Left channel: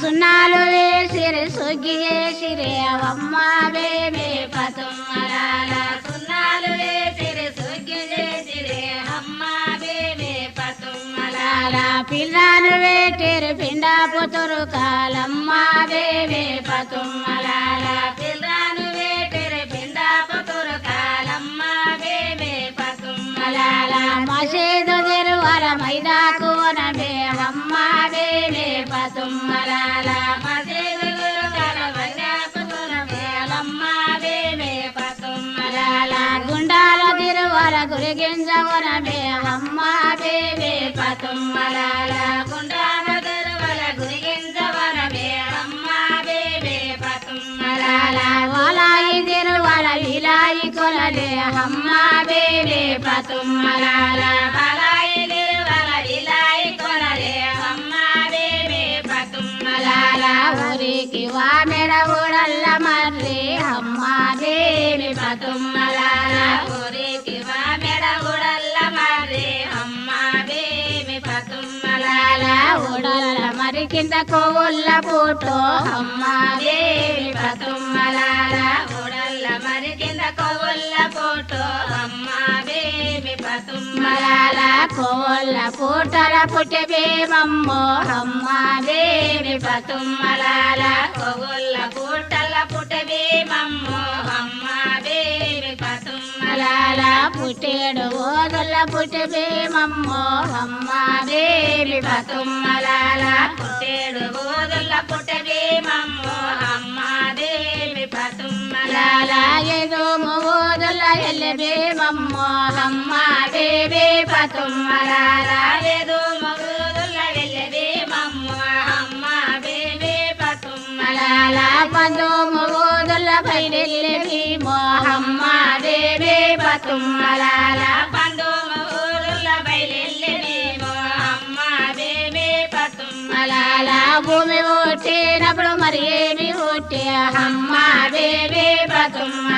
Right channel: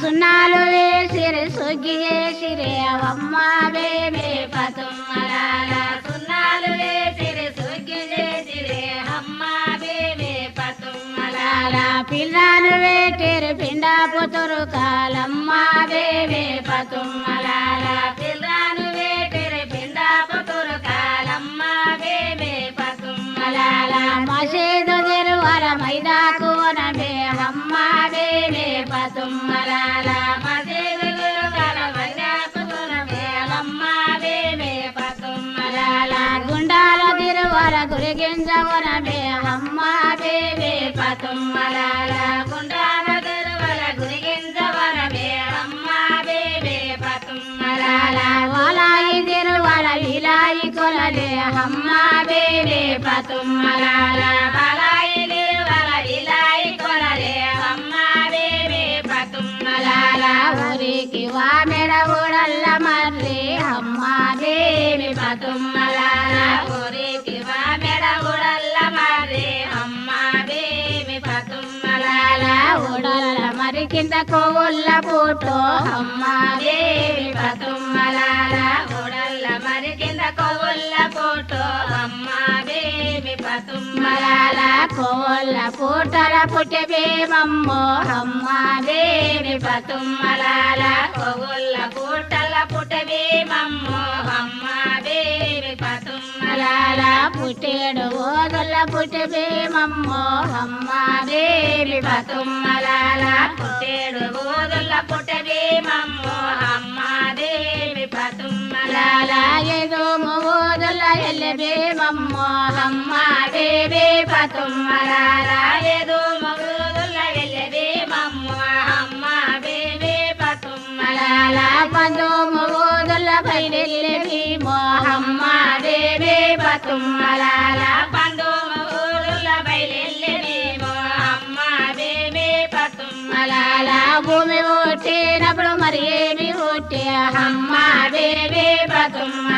సున్నాలు వేసిరి సుగ్గి చేసిరి అమ్మ బేబీ పతుమ్మలాల సున్నాలు వేసిరి సుగ్గి చేసిరి అమ్మ బేబీ పతుమ్మలాల పిల్లను వేటిరి పిండ పుతురు కాలమ్మ బేబీ పతుమ్మలాల పిల్లను వేటిరి పిండ పుతురు కాలమ్మ బేబీ పతుమ్మలాల మసీదు తిరువర మైదాకు నబేవమ్మ బేబీ పతుమ్మలాల మసీదు తిరువర మైదాకు నబేవమ్మ బేబీ పతుమ్మలాల గుండాల తిరువర గురిగింజవర బేవమ్మ బేబీ పతుమ్మలాల గుండాల తిరువర గురిగింజవర బేవమ్మ బేబీ పతుమ్మలాల వలాయి తిరువర విలాయి కొలలే అమ్మ బేబీ పతుమ్మలాల వలాయి తిరువర విలాయి కొలలే అమ్మ బేబీ పతుమ్మలాల ఊరికి వామెడ ఊడల్ల మర్రి అమ్మ బేబీ పతుమ్మలాల ఊరికి వామెడ ఊడల్ల మర్రి అమ్మ బేబీ పతుమ్మలాల ఊడల్ల మరి కింద కోవుల్ల పూటో అమ్మ బేబీ పతుమ్మలాల ఊడల్ల మరి కింద కోవుల్ల పూటో అమ్మ బేబీ పతుమ్మలాల కోవుల్ల పూటల పుట్టబేమమ్మో అమ్మ బేబీ పతుమ్మలాల కోవుల్ల పూటల పుట్టబేమమ్మో అమ్మ బేబీ పతుమ్మలాల పుట్టేడు ఓదల్ల పుట్టబేమమ్మో అమ్మ బేబీ పతుమ్మలాల పుట్టేడు ఓదల్ల పుట్టబేమమ్మో అమ్మ బేబీ పతుమ్మలాల ఏదో ఓదల్ల ఎల్లబేమమ్మో అమ్మ బేబీ పతుమ్మలాల ఏదో ఓదల్ల ఎల్లబేమమ్మో అమ్మ బేబీ పతుమ్మలాల పందో ఓదల్ల బయలెల్లబేమో అమ్మ బేబీ పతుమ్మలాల పందో ఓదల్ల బయలెల్లబేమో అమ్మ బేబీ పతుమ్మలాల భూమి ఓటేనప్పుడు మరి ఏమి ఓటే అమ్మ బేబీ పతుమ్మ